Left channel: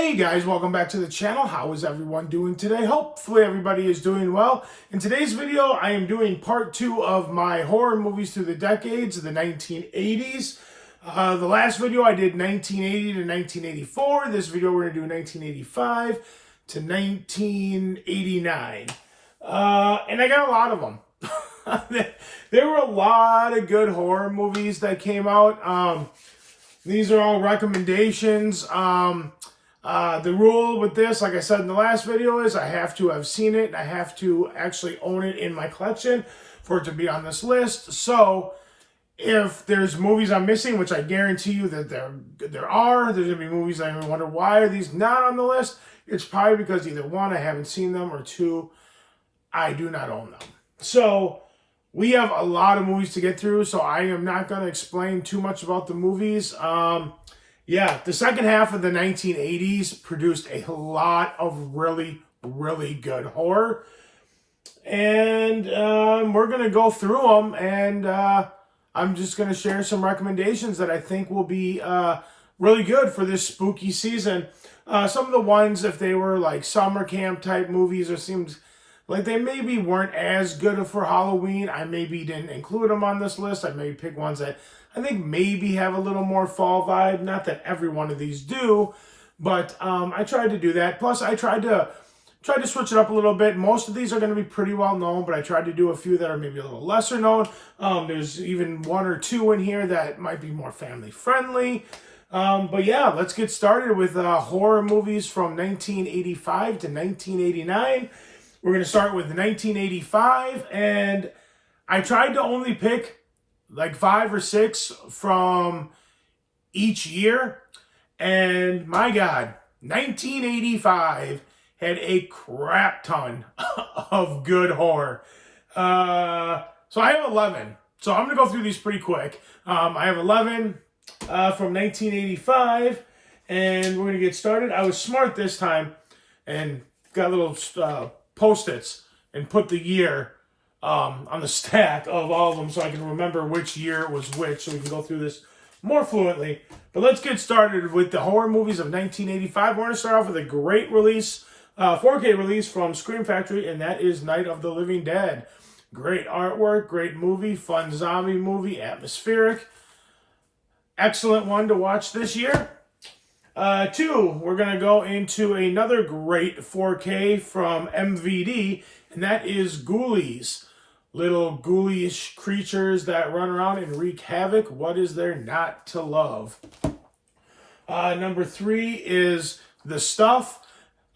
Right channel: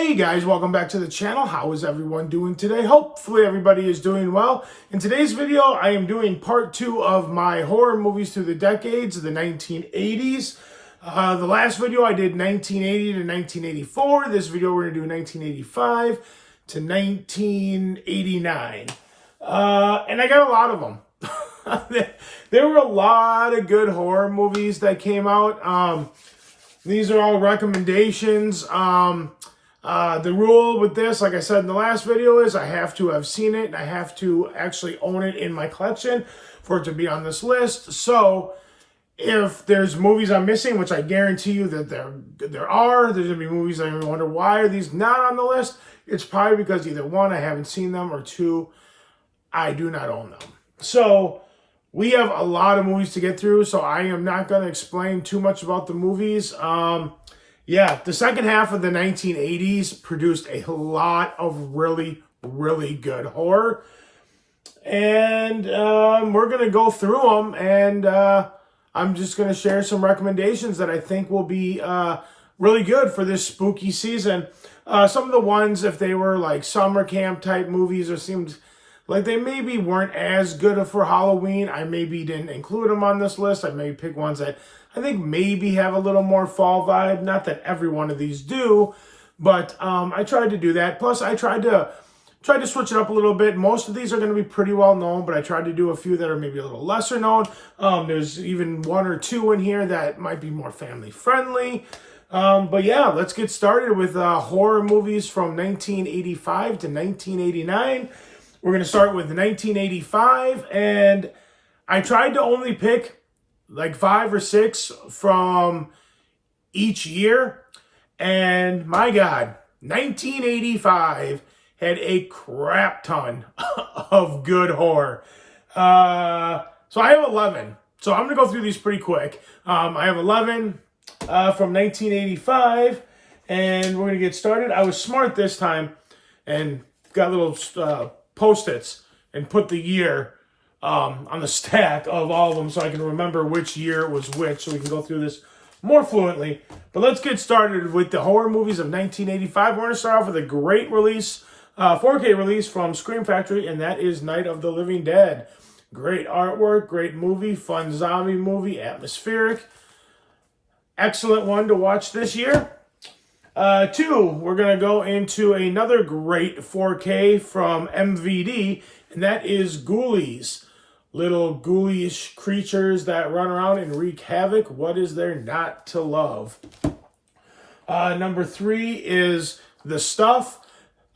Hey guys, welcome back to the channel. How is everyone doing today? Hopefully everybody is doing well. In today's video, I am doing part 2 of my horror movies through the decades, the 1980s. The last video I did 1980 to 1984. This video we're going to do 1985 to 1989. And I got a lot of them. There were a lot of good horror movies that came out. These are all recommendations. The rule with this, like I said in the last video, is I have to have seen it and I have to actually own it in my collection for it to be on this list. So if there's movies I'm missing, which I guarantee you that there's going to be movies I wonder why are these not on the list, it's probably because either one, I haven't seen them, or two, I do not own them. So we have a lot of movies to get through, so I am not going to explain too much about the movies. Yeah, the second half of the 1980s produced a lot of really, really good horror. And we're going to go through them, and I'm just going to share some recommendations that I think will be really good for this spooky season. Some of the ones, if they were like summer camp type movies, or seemed like they maybe weren't as good for Halloween, I maybe didn't include them on this list. I maybe pick ones that I think maybe have a little more fall vibe. Not that every one of these do, but I tried to do that. Plus, I tried to switch it up a little bit. Most of these are going to be pretty well known, but I tried to do a few that are maybe a little lesser known. There's even one or two in here that might be more family friendly. But yeah, let's get started with horror movies from 1985 to 1989. We're going to start with 1985, and I tried to only pick like 5 or 6 from each year. And my God, 1985 had a crap ton of good horror. So I have 11. So I'm going to go through these pretty quick. I have 11 from 1985, and we're going to get started. I was smart this time and got little Post-its and put the year on the stack of all of them so I can remember which year was which, so we can go through this more fluently. But let's get started with the horror movies of 1985. We're going to start off with a great release, 4K release from Scream Factory, and that is Night of the Living Dead. Great artwork, great movie, fun zombie movie, atmospheric. Excellent one to watch this year. 2, we're going to go into another great 4K from MVD, and that is Ghoulies. Little ghoulish creatures that run around and wreak havoc. What is there not to love? Number 3 is The Stuff.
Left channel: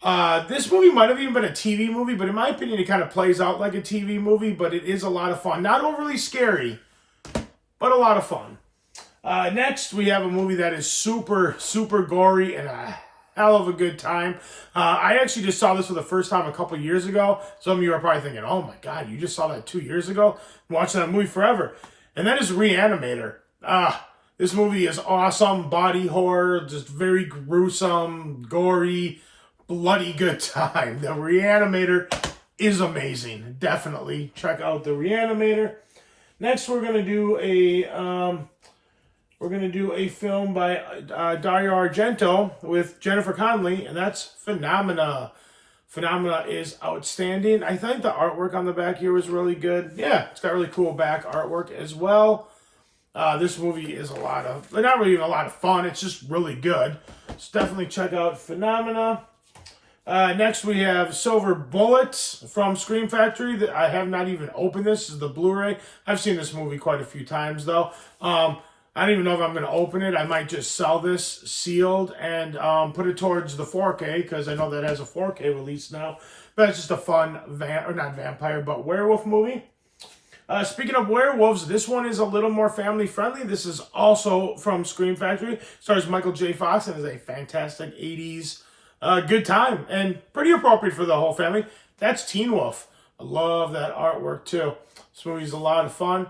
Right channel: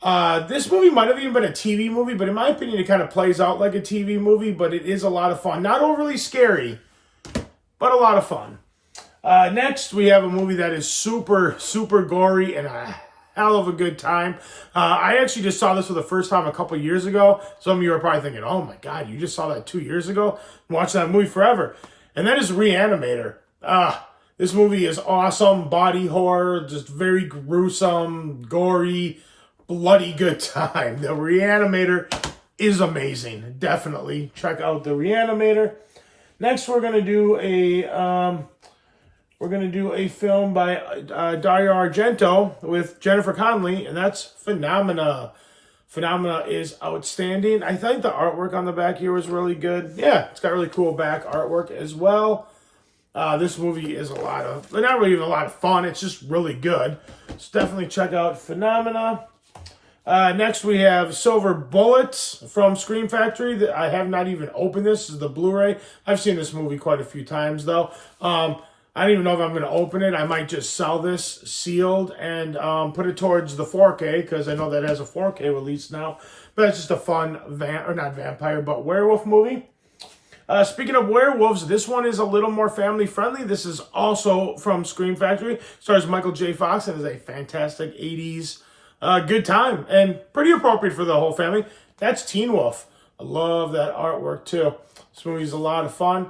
This movie might have even been a TV movie, but in my opinion, it kind of plays out like a TV movie, but it is a lot of fun. Not overly scary, but a lot of fun. Next, we have a movie that is super, super gory and a hell of a good time. I actually just saw this for the first time a couple years ago. Some of you are probably thinking, oh my God, you just saw that 2 years ago? I'm watching that movie forever. And that is Reanimator. This movie is awesome. Body horror, just very gruesome, gory, bloody good time. The Reanimator is amazing. Definitely check out the Reanimator. Next, we're going to do a film by Dario Argento with Jennifer Connelly, and that's Phenomena. Phenomena is outstanding. I think the artwork on the back here was really good. Yeah, it's got really cool back artwork as well. This movie is not really even a lot of fun. It's just really good. So definitely check out Phenomena. Next, we have Silver Bullets from Scream Factory. I have not even opened this. This is the Blu-ray. I've seen this movie quite a few times, though. I don't even know if I'm going to open it. I might just sell this sealed and put it towards the 4K, because I know that has a 4K release now. But it's just a fun, werewolf movie. Speaking of werewolves, this one is a little more family friendly. This is also from Scream Factory. Stars Michael J. Fox and is a fantastic 80s good time and pretty appropriate for the whole family. That's Teen Wolf. I love that artwork too. This movie's a lot of fun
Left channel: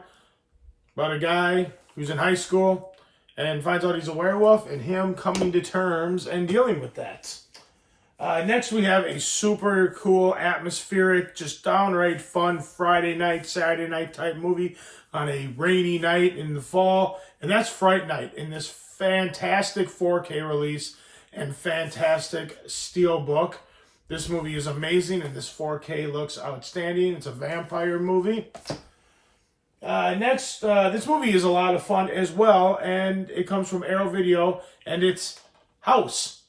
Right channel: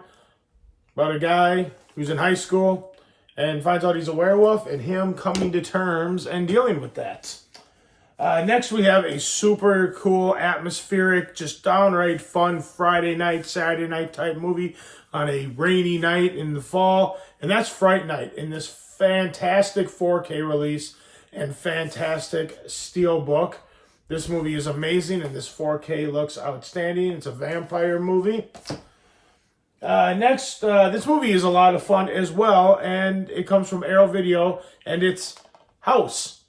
about a guy who's in high school and finds out he's a werewolf and him coming to terms and dealing with that. Next, we have a super cool, atmospheric, just downright fun Friday night, Saturday night type movie on a rainy night in the fall. And that's Fright Night in this fantastic 4K release. and fantastic steelbook. This movie is amazing, and this 4K looks outstanding. It's a vampire movie. Next, this movie is a lot of fun as well, and it comes from Arrow Video, and it's House.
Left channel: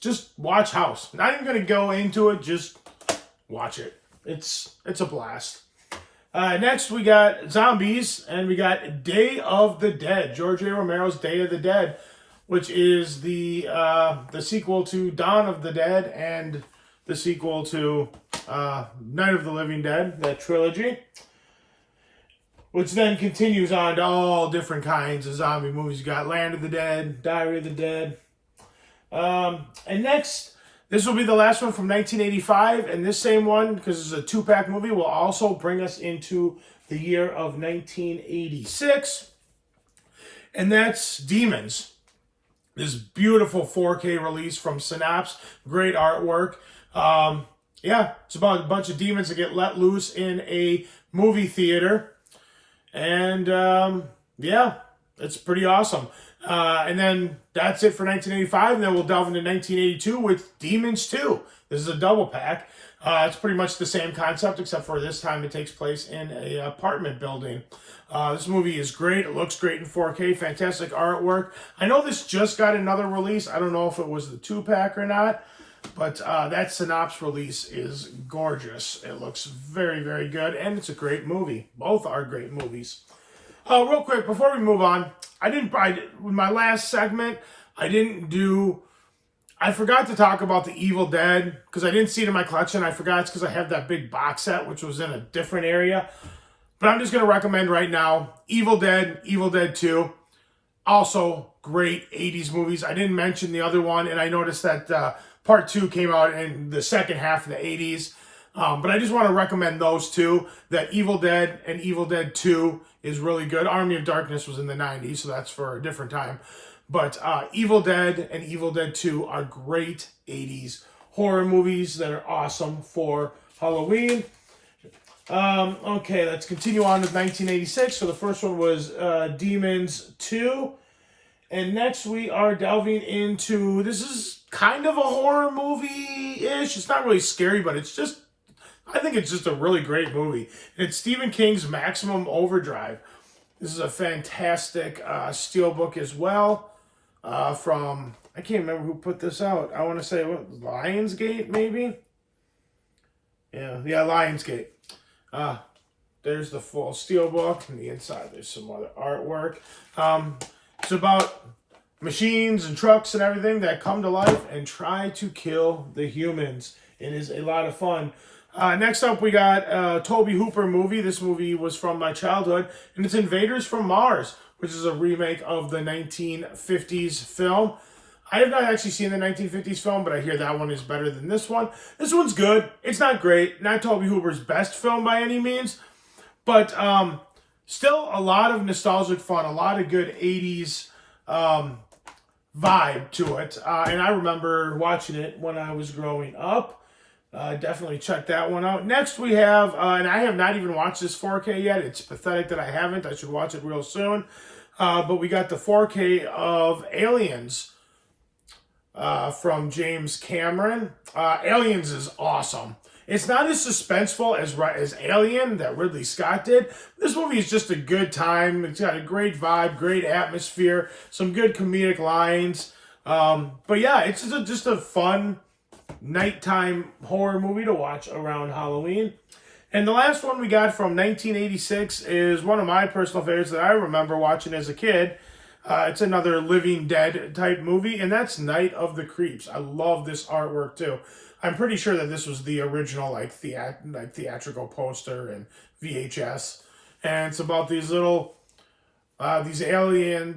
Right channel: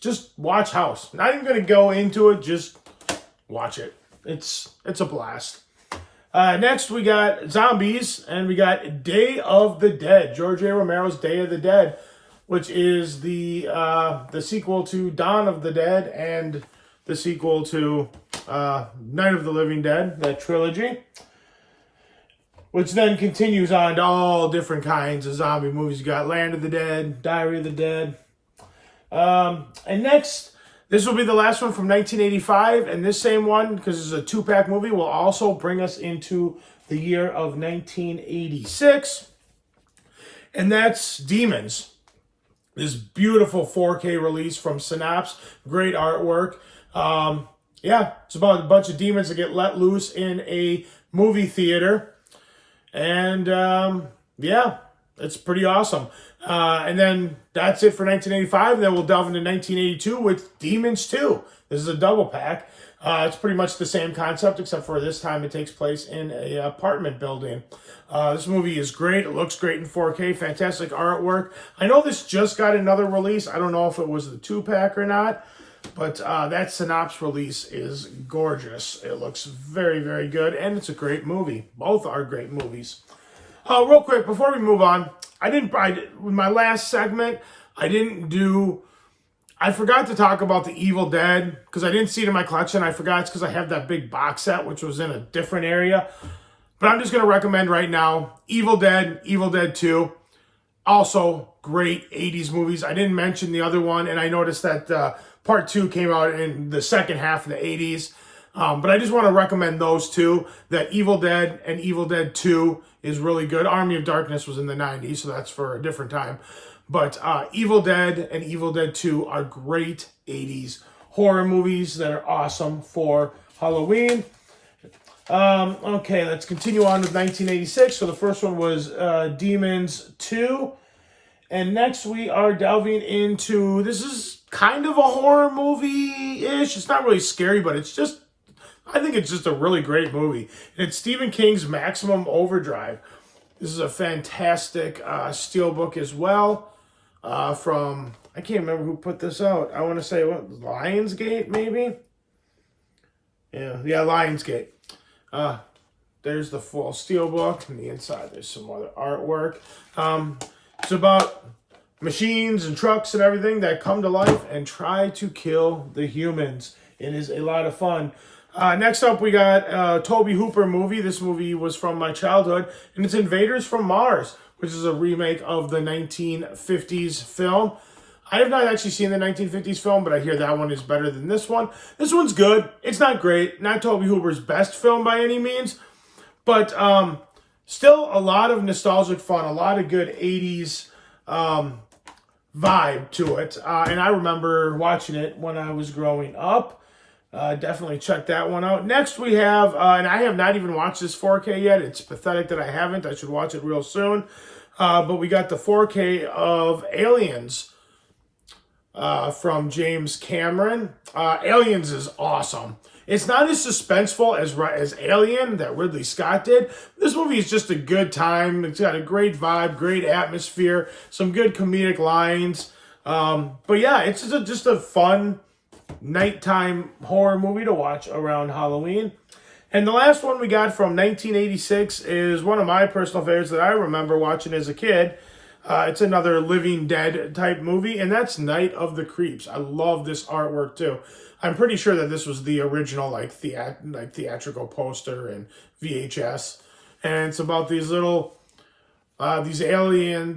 Just watch House. Not even going to go into it, just watch it. It's a blast. Next, we got Zombies, and we got Day of the Dead. George A. Romero's Day of the Dead, which is the sequel to Dawn of the Dead and the sequel to Night of the Living Dead, that trilogy, which then continues on to all different kinds of zombie movies. You got Land of the Dead, Diary of the Dead. And next, this will be the last one from 1985, and this same one, because it's a 2-pack movie, will also bring us into the year of 1986, and that's Demons. This beautiful 4K release from Synapse, great artwork. Yeah, it's about a bunch of demons that get let loose in a movie theater, and yeah, it's pretty awesome. And then that's it for 1985, and then we'll delve into 1982 with Demons 2. This is a double pack. It's pretty much the same concept, except for this time it takes place in an apartment building. This movie is great. It looks great in 4K. Fantastic artwork. I know this just got another release. I don't know if it was the 2-pack or not, but that Synapse release is gorgeous. It looks very, very good, and it's a great movie. Both are great movies. Real quick, before we move on, with my last segment, I forgot to talk about the Evil Dead, because I didn't see it in my collection. I forgot it's because I have that big box set, which was in a different area. But I'm just going to recommend right now, Evil Dead, Evil Dead 2. Also, great 80s movies. I didn't mention the other one, and I noticed that part 2 came out in the second half of the 80s. But I just want to recommend those two, that Evil Dead and Evil Dead 2 is really good. Army of Darkness was in the 90s, so that's for a different time. But Evil Dead and Evil Dead 2 are great 80s horror movies that are awesome for Halloween. Okay, let's continue on with 1986. So the first one was Demons 2. And next we are delving into, this is kind of a horror movie-ish. It's not really scary, but I think it's just a really great movie. It's Stephen King's Maximum Overdrive. This is a fantastic steelbook as well. From, I can't remember who put this out. I want to say, Lionsgate, maybe? Yeah, Lionsgate. There's the full steelbook, and the inside there's some other artwork. It's about machines and trucks and everything that come to life and try to kill the humans. It is a lot of fun. Next up, we got a Tobe Hooper movie. This movie was from my childhood, and it's Invaders from Mars, which is a remake of the 1950s film. I have not actually seen the 1950s film, but I hear that one is better than this one. This one's good. It's not great. Not Tobe Hooper's best film by any means, but still a lot of nostalgic fun, a lot of good 80s vibe to it. And I remember watching it when I was growing up. Definitely check that one out. Next we have, and I have not even watched this 4K yet. It's pathetic that I haven't. I should watch it real soon. But we got the 4K of Aliens from James Cameron. Aliens is awesome. It's not as suspenseful as Alien that Ridley Scott did. This movie is just a good time. It's got a great vibe, great atmosphere, some good comedic lines. But yeah, it's just a fun nighttime horror movie to watch around Halloween. And the last one we got from 1986 is one of my personal favorites that I remember watching as a kid. It's another Living Dead type movie, and that's Night of the Creeps. I love this artwork too. I'm pretty sure that this was the original theatrical poster and VHS. And it's about these little alien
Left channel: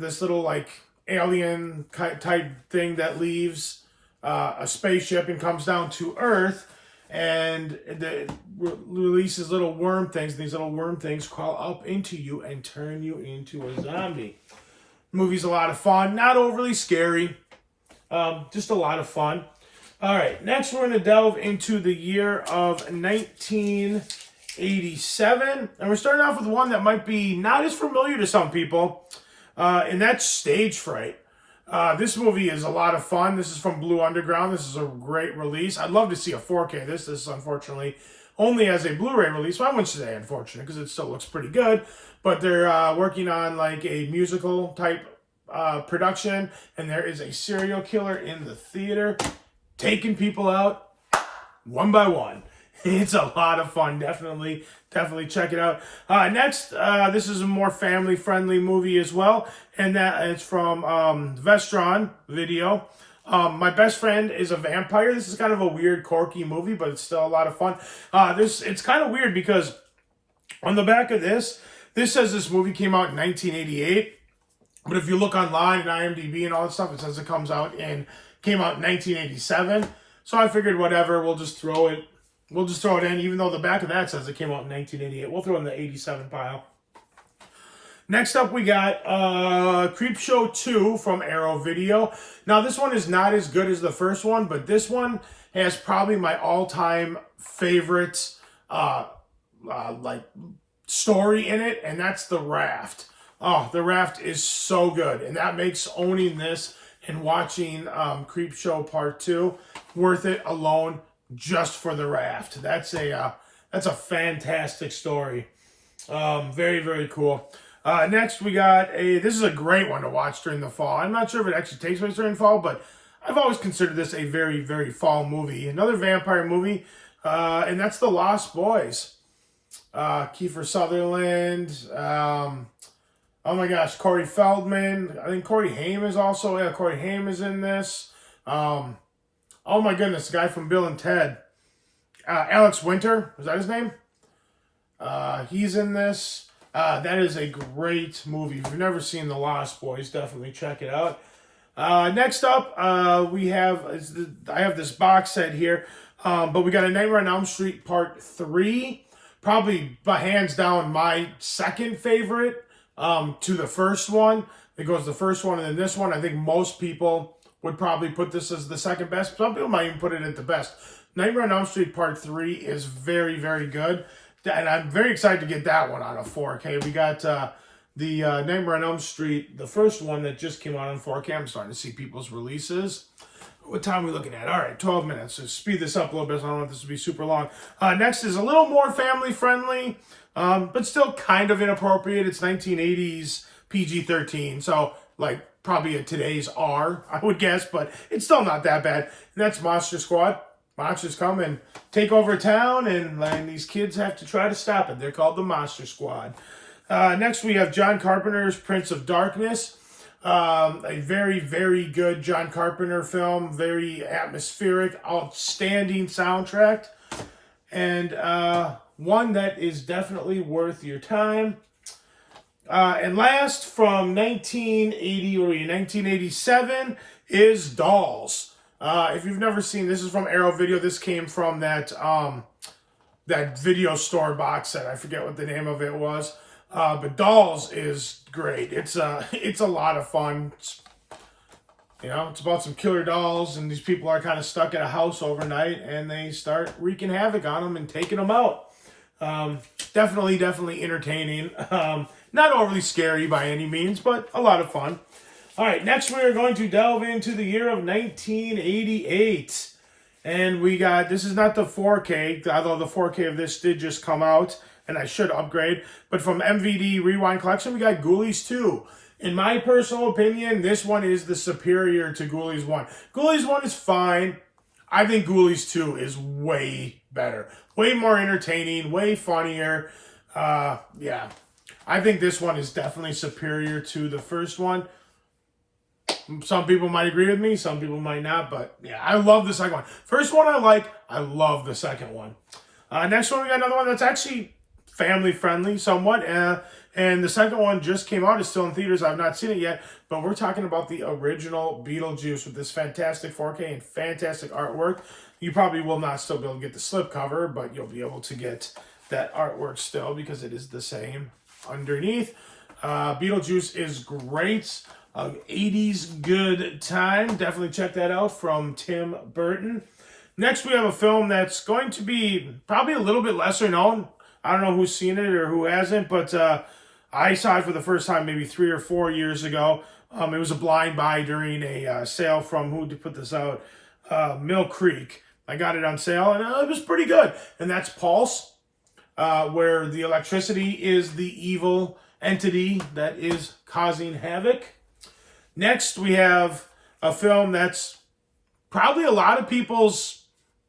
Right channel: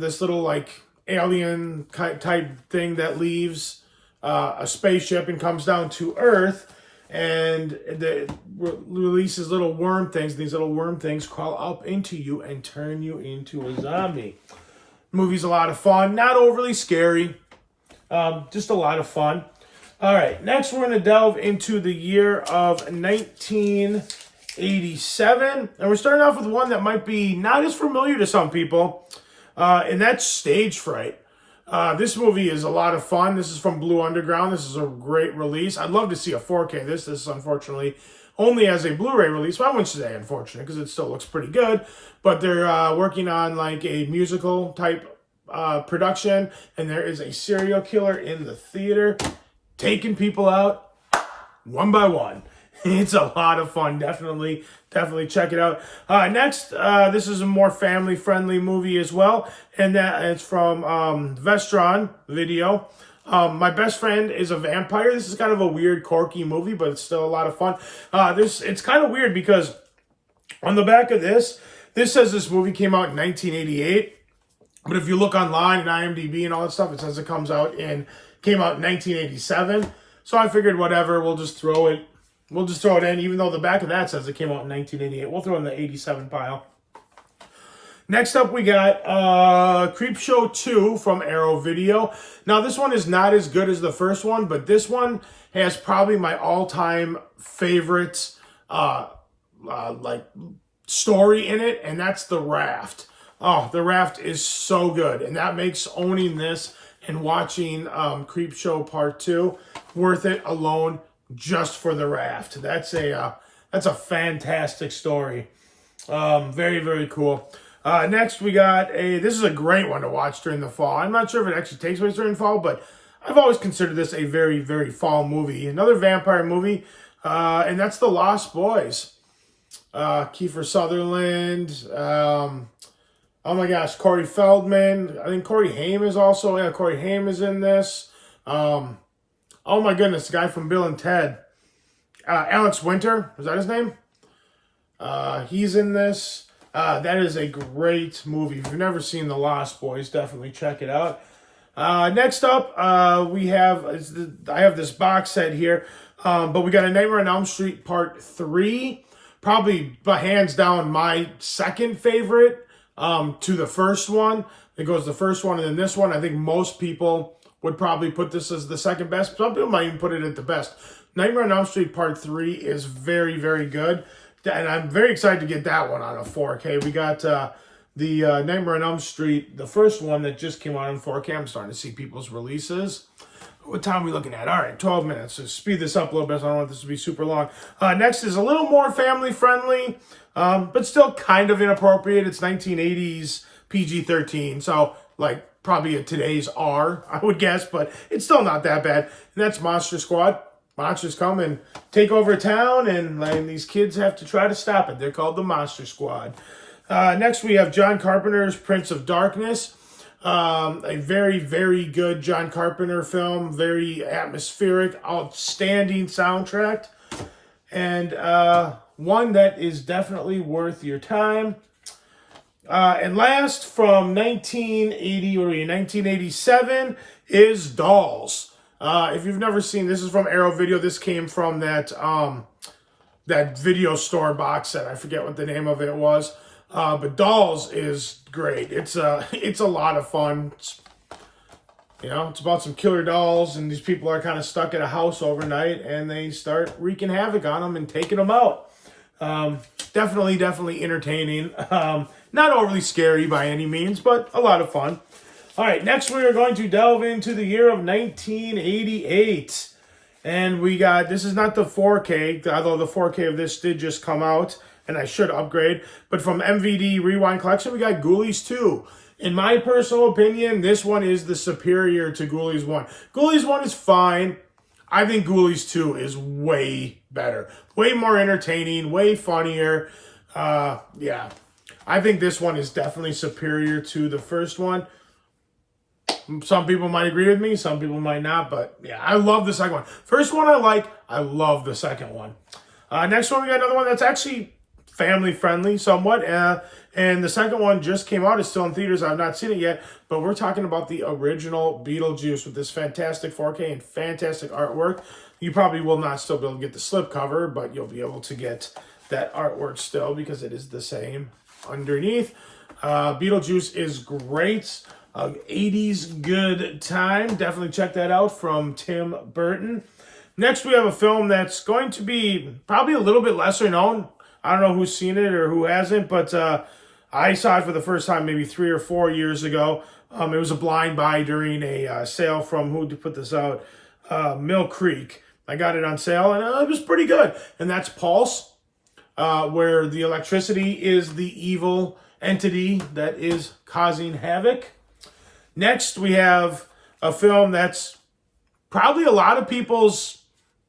type thing that leaves a spaceship and comes down to Earth, and releases little worm things. These little worm things crawl up into you and turn you into a zombie. Movie's a lot of fun, not overly scary, just a lot of fun. All right, next we're going to delve into the year of 1987, and we're starting off with one that might be not as familiar to some people, and that's Stage Fright. This movie is a lot of fun. This is from Blue Underground. This is a great release. I'd love to see a 4K. This is unfortunately only as a Blu-ray release. Well, I wouldn't say unfortunate because it still looks pretty good. But they're working on like a musical type production, and there is a serial killer in the theater taking people out one by one. It's a lot of fun. Definitely check it out. Next, this is a more family-friendly movie as well, and that it's from Vestron Video. My Best Friend is a Vampire. This is kind of a weird, quirky movie, but it's still a lot of fun. It's kind of weird because on the back of this says this movie came out in 1988, but if you look online and IMDb and all that stuff, it says it came out in 1987. So I figured, whatever, we'll just throw it in, even though the back of that says it came out in 1988. We'll throw it in the 87 pile. Next up, we got Creepshow 2 from Arrow Video. Now, this one is not as good as the first one, but this one has probably my all-time favorite like story in it, and that's The Raft. Oh, The Raft is so good, and that makes owning this and watching Creepshow Part 2 worth it alone just for The Raft. That's a fantastic story. Very, very cool. Next, we got this is a great one to watch during the fall. I'm not sure if it actually takes place during fall, but I've always considered this a very, very fall movie. Another vampire movie, and that's The Lost Boys. Kiefer Sutherland. Oh my gosh, Corey Feldman. I think Corey Haim is also. Yeah, Corey Haim is in this. Oh my goodness, the guy from Bill and Ted. Alex Winter, is that his name? He's in this. That is a great movie. If you've never seen The Lost Boys, definitely check it out. Next up, I have this box set here, but we got A Nightmare on Elm Street Part 3. Probably, hands down, my second favorite to the first one. It goes the first one and then this one. I think most people would probably put this as the second best. Some people might even put it at the best. Nightmare on Elm Street Part 3 is very, very good. And I'm very excited to get that one on a 4K. We got the Nightmare on Elm Street, the first one that just came out on 4K. I'm starting to see people's releases. What time are we looking at? All right, 12 minutes. So speed this up a little bit. So I don't want this to be super long. Next is a little more family-friendly, but still kind of inappropriate. It's 1980s PG-13. So, like, probably a today's R, I would guess. But it's still not that bad. And that's Monster Squad. Monsters come and take over town, and these kids have to try to stop it. They're called the Monster Squad. Next, we have John Carpenter's Prince of Darkness. A very, very good John Carpenter film. Very atmospheric, outstanding soundtrack. And one that is definitely worth your time. And last, from 1987, is Dolls. If you've never seen, this is from Arrow Video. This came from that video store box set. I forget what the name of it was. But Dolls is great. It's a lot of fun. It's about some killer dolls, and these people are kind of stuck at a house overnight, and they start wreaking havoc on them and taking them out. Definitely entertaining. Not overly scary by any means, but a lot of fun. All right, next we are going to delve into the year of 1988. And we got, this is not the 4K, although the 4K of this did just come out, and I should upgrade. But from MVD Rewind Collection, we got Ghoulies 2. In my personal opinion, this one is the superior to Ghoulies 1. Ghoulies 1 is fine. I think Ghoulies 2 is way better. Way more entertaining, way funnier. Yeah. I think this one is definitely superior to the first one. Some people might agree with me, some people might not, but yeah, I love the second one. First one I love the second one. Next one, we got another one that's actually family-friendly somewhat, and the second one just came out. It's still in theaters. I've not seen it yet, but we're talking about the original Beetlejuice with this fantastic 4K and fantastic artwork. You probably will not still be able to get the slipcover, but you'll be able to get that artwork still because it is the same underneath. Beetlejuice is great. 80s good time. Definitely check that out from Tim Burton. Next, we have a film that's going to be probably a little bit lesser known. I don't know who's seen it or who hasn't, but I saw it for the first time maybe 3 or 4 years ago. It was a blind buy during a sale from, who to put this out? Mill Creek. I got it on sale, and it was pretty good. And that's Pulse, where the electricity is the evil entity that is causing havoc. Next, we have a film that's probably a lot of people's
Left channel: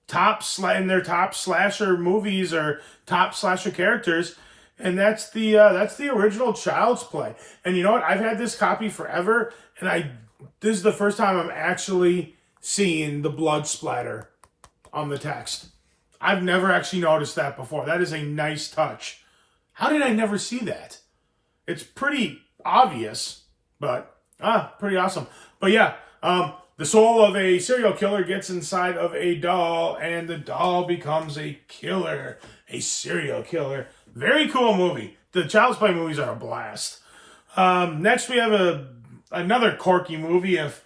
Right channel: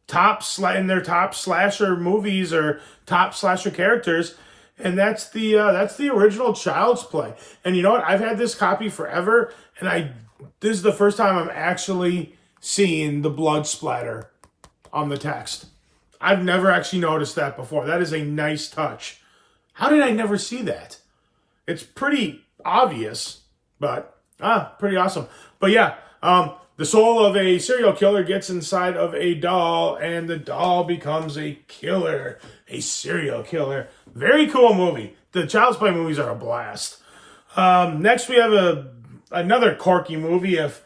top slasher movies or top slasher characters, and that's the original Child's Play. And you know what? I've had this copy forever, and this is the first time I'm actually seeing the blood splatter on the text. I've never actually noticed that before. That is a nice touch. How did I never see that? It's pretty obvious, but pretty awesome. But yeah, the soul of a serial killer gets inside of a doll, and the doll becomes a killer, a serial killer. Very cool movie. The Child's Play movies are a blast. Next, we have another quirky movie. If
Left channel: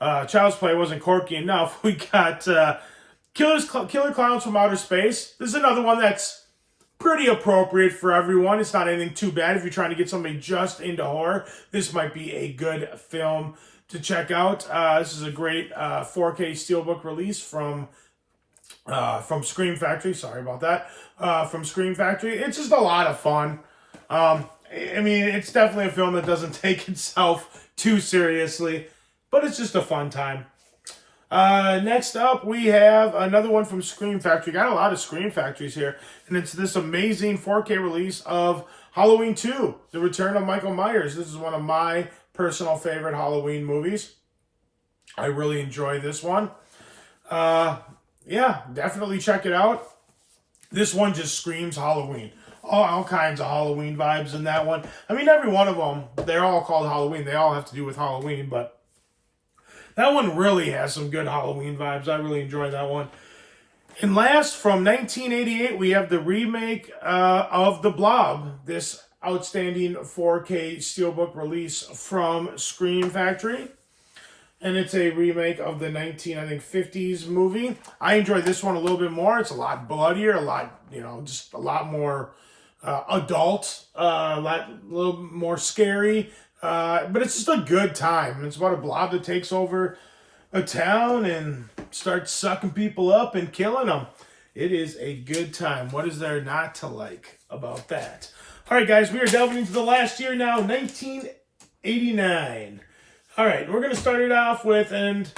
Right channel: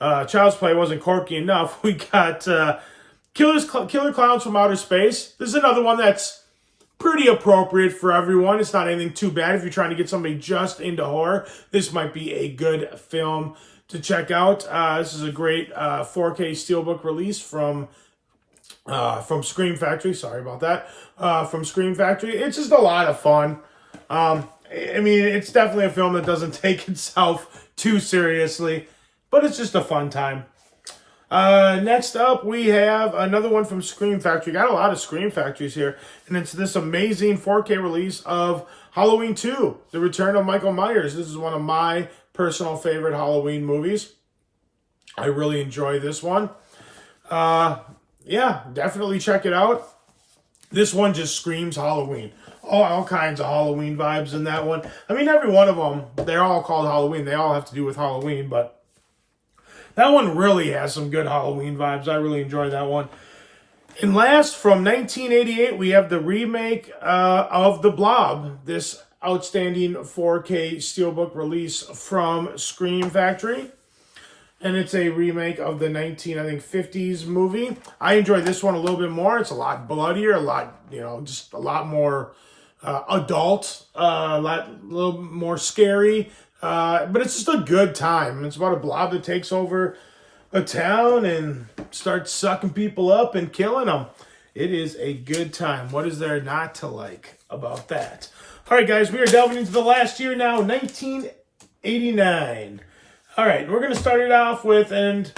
Child's Play wasn't quirky enough, we got Killer Clowns from Outer Space. This is another one that's pretty appropriate for everyone. It's not anything too bad. If you're trying to get somebody just into horror, this might be a good film to check out. This is a great 4K Steelbook release from Scream Factory. Sorry about that. From Scream Factory. It's just a lot of fun. I mean, it's definitely a film that doesn't take itself too seriously, but it's just a fun time. Next up, we have another one from Scream Factory. Got a lot of Scream Factories here, and it's this amazing 4K release of Halloween 2, The Return of Michael Myers. This is one of my personal favorite Halloween movies. I really enjoy this one. Yeah, definitely check it out. This one just screams Halloween. All kinds of Halloween vibes in that one. I mean, every one of them, they're all called Halloween. They all have to do with Halloween, but that one really has some good Halloween vibes. I really enjoy that one. And last, from 1988, we have the remake of The Blob, this outstanding 4K Steelbook release from Scream Factory. And it's a remake of the 1950s movie. I enjoy this one a little bit more. It's a lot bloodier, just a lot more adult, a little more scary. But it's just a good time. It's about a blob that takes over a town and starts sucking people up and killing them. It is a good time. What is there not to like about that? All right, guys, we are delving into the last year now, 1989. All right, we're going to start it off with, and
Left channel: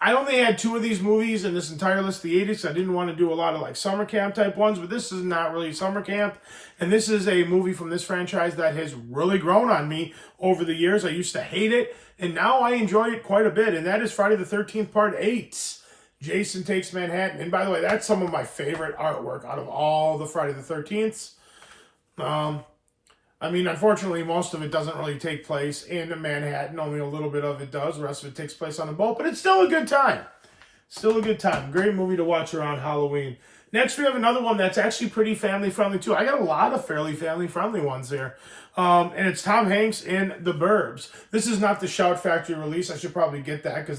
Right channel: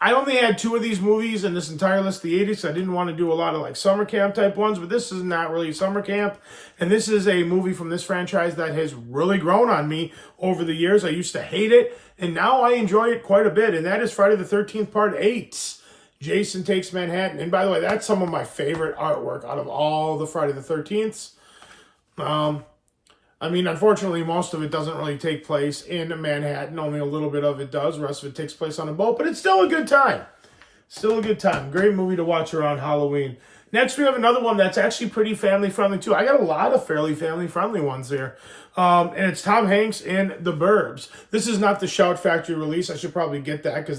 I only had 2 of these movies in this entire list of the 80s. I didn't want to do a lot of like summer camp type ones, but this is not really summer camp. And this is a movie from this franchise that has really grown on me over the years. I used to hate it, and now I enjoy it quite a bit. And that is Friday the 13th Part 8. Jason Takes Manhattan. And by the way, that's some of my favorite artwork out of all the Friday the 13ths. I mean, unfortunately, most of it doesn't really take place in Manhattan. Only a little bit of it does. The rest of it takes place on a boat, but it's still a good time. Still a good time. Great movie to watch around Halloween. Next, we have another one that's actually pretty family-friendly, too. I got a lot of fairly family-friendly ones here. And it's Tom Hanks in The Burbs. This is not the Shout Factory release. I should probably get that because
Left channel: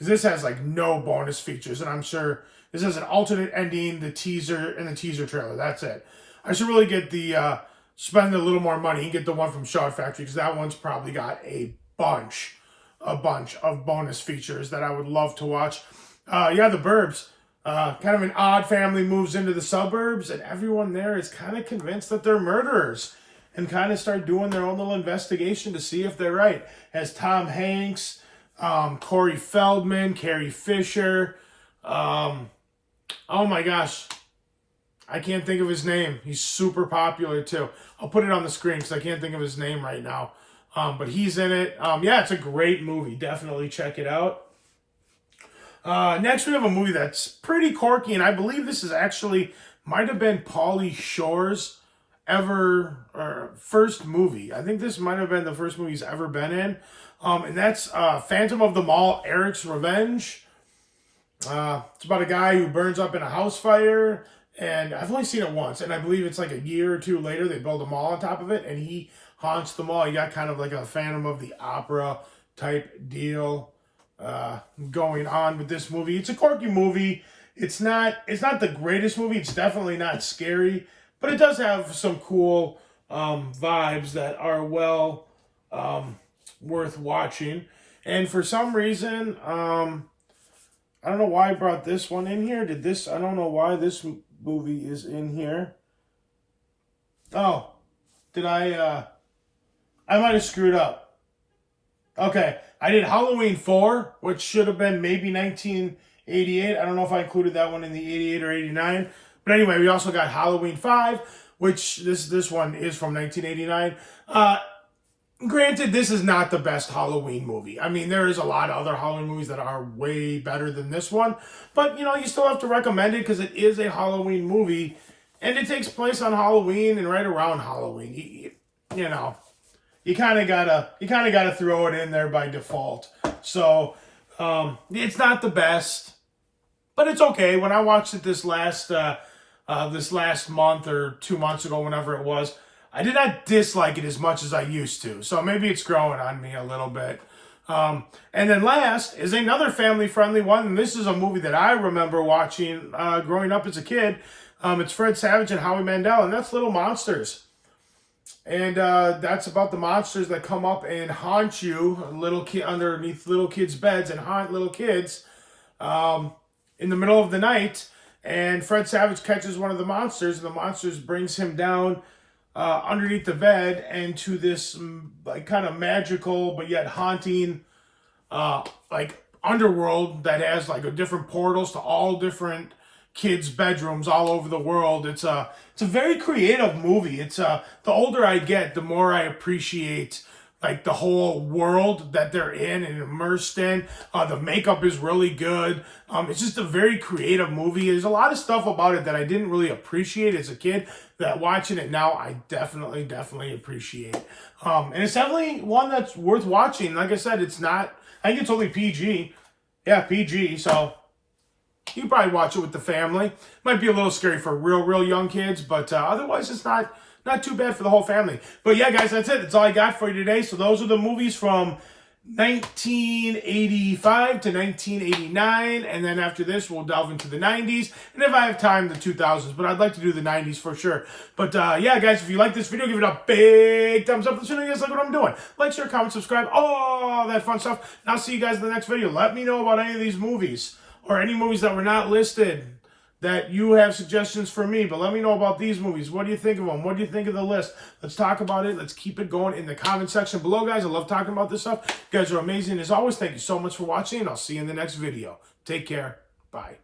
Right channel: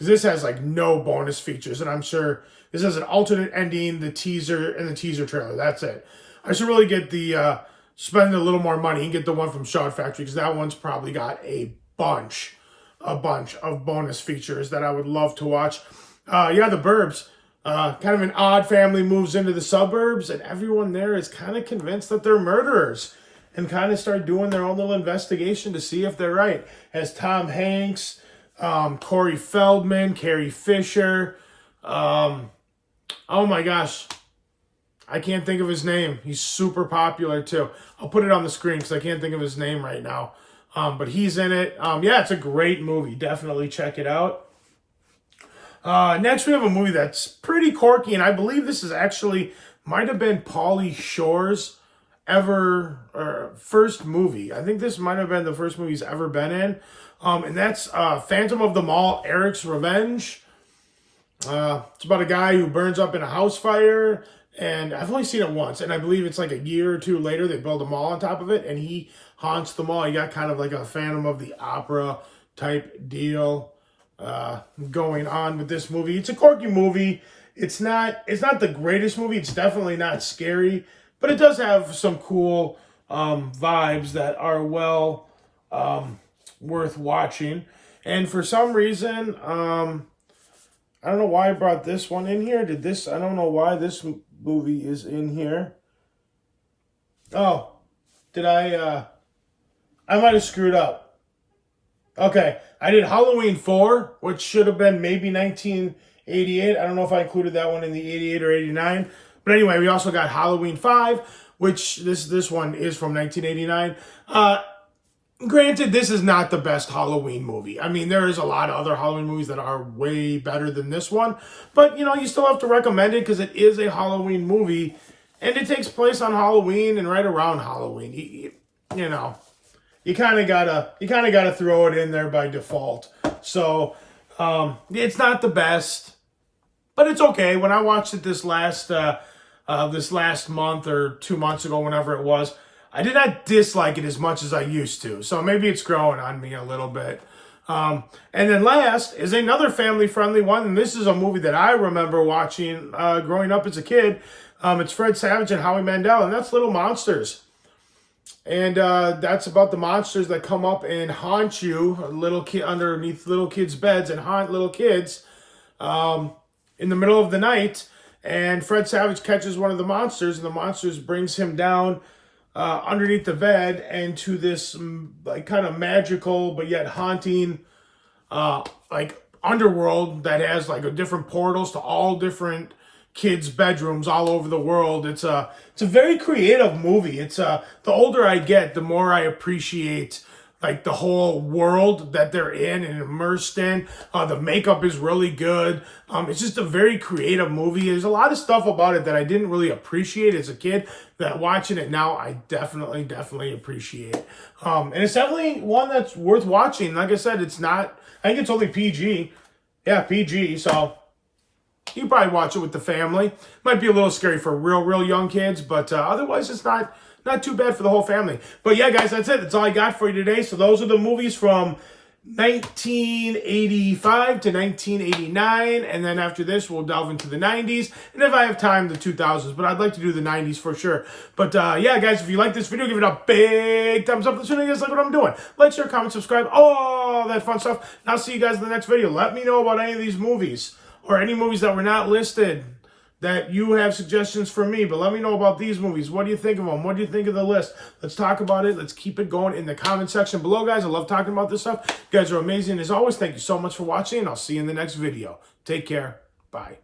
this has, like, no bonus features. And I'm sure this has an alternate ending, the teaser, and the teaser trailer. That's it. I should really get the... spend a little more money and get the one from Shout Factory because that one's probably got a bunch of bonus features that I would love to watch. Yeah, The Burbs. Kind of an odd family moves into the suburbs, and everyone there is kind of convinced that they're murderers and kind of start doing their own little investigation to see if they're right. Has Tom Hanks, Corey Feldman, Carrie Fisher. Oh my gosh. I can't think of his name. He's super popular too. I'll put it on the screen because I can't think of his name right now. But he's in it. Yeah, it's a great movie. Definitely check it out. Next, we have a movie that's pretty quirky, and I believe this is actually might have been Pauly Shore's first movie. I think this might have been the first movie he's ever been in. And that's Phantom of the Mall, Eric's Revenge. It's about a guy who burns up in a house fire. And I've only seen it once, and I believe it's like a year or 2 later, they build a mall on top of it, and he haunts the mall. You got kind of like a Phantom of the Opera type deal going on with this movie. It's a quirky movie. It's not the greatest movie. It's definitely not scary, but it does have some cool vibes that are well worth watching. And for some reason, I don't know why I brought this one in here. I don't know why this movie is in here. Oh, I might have screwed up. Okay, I did Halloween 4, which should have been maybe 1988. I don't know if I included that one in the 88 or 89. But anyway, we also got Halloween 5, which this one is from 1989. Granted, this is not the best Halloween movie. I mean, there is a lot of other Halloween movies that are way better than this one. But, you know, you still have to recommend it because it is a Halloween movie. And it takes place on Halloween and right around Halloween. You know, you kind of gotta throw it in there by default. So, it's not the best, but it's okay. When I watched it this last month or 2 months ago, whenever it was, I did not dislike it as much as I used to. So maybe it's growing on me a little bit. And then last is another family-friendly one. And this is a movie that I remember watching growing up as a kid. It's Fred Savage and Howie Mandel, and that's Little Monsters. And that's about the monsters that come up and haunt you, underneath little kids' beds, and haunt little kids in the middle of the night. And Fred Savage catches one of the monsters, and the monsters brings him down underneath the bed and to this like kind of magical but yet haunting like underworld that has like different portals to all different kids' bedrooms all over the world. It's a very creative movie. It's the older I get, the more I appreciate like the whole world that they're in and immersed in. The makeup is really good. It's just a very creative movie. There's a lot of stuff about it that I didn't really appreciate as a kid that watching it now, I definitely appreciate. And it's definitely one that's worth watching. Like I said, I think it's only PG. Yeah, PG. So you can probably watch it with the family. Might be a little scary for real young kids, but otherwise it's not too bad for the whole family. But yeah, guys, that's it. That's all I got for you today. So those are the movies from 1985 to 1989. And then after this, we'll delve into the 90s. And if I have time, the 2000s. But I'd like to do the 90s for sure. But yeah, guys, if you like this video, give it a big thumbs up. Let me know you guys like what I'm doing. Like, share, comment, subscribe, all that fun stuff. And I'll see you guys in the next video. Let me know about any of these movies or any movies that were not listed that you have suggestions for me, but let me know about these movies. What do you think of them? What do you think of the list? Let's talk about it. Let's keep it going in the comment section below, guys. I love talking about this stuff. You guys are amazing. As always, thank you so much for watching, and I'll see you in the next video. Take care. Bye.